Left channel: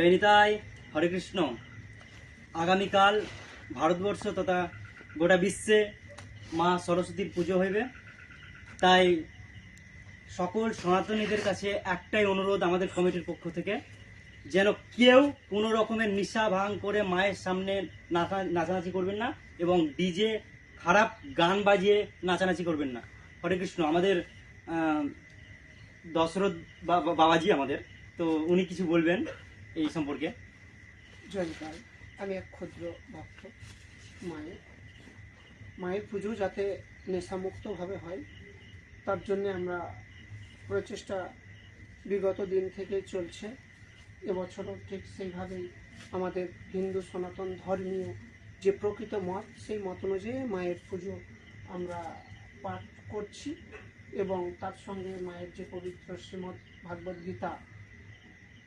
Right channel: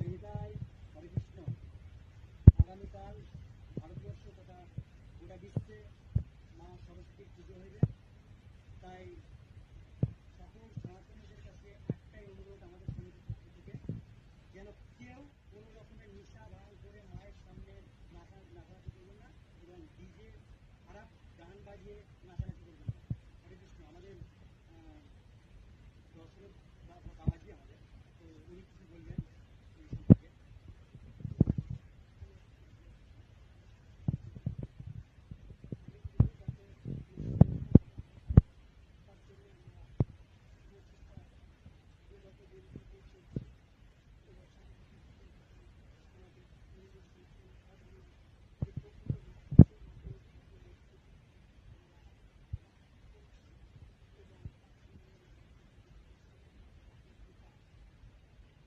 জয় নিতাই, হরে কৃষ্ণ। আগামীকাল ভারতবর্ষ তথা গোটা বিশ্বে মা সরস্বতীর পুজো হইবে। তাই সকল সনাতনীদের কাছে একটাই অনুরোধ আমাদের কমিটির পক্ষ থেকে, যেন কেউ কোনো রকমের নিশা ভাঙ করে মায়ের সামনে নাচানাচি করবেন না এবং ডিজে খারাপ গান বাজিয়ে নাচানাচি করবেন না। হরে কৃষ্ণ। আমাদের দশরথ বাবাজি আমাদের, তো উনি কিছু বলবেন এই সম্পর্কে। জয়কাল। আমি এক ক্ষুদ্র ভক্ত। মায়ের পুজো যাতে নেশামুক্তভাবে হয় তার জন্য আমরা প্রচেষ্টা বিগত দিন থেকে চলছে। এবছরও ঠিক সেইভাবেই আমাদের হিন্দু সনাতন ধর্মীয় যে প্রকৃত মত, সেই মত অনুযায়ী মায়ের পুজো আমরা পাঠ করছি এবং তার সঙ্গে মায়ের যে পবিত্র শ্রীমদ্ ভাগবত গীতা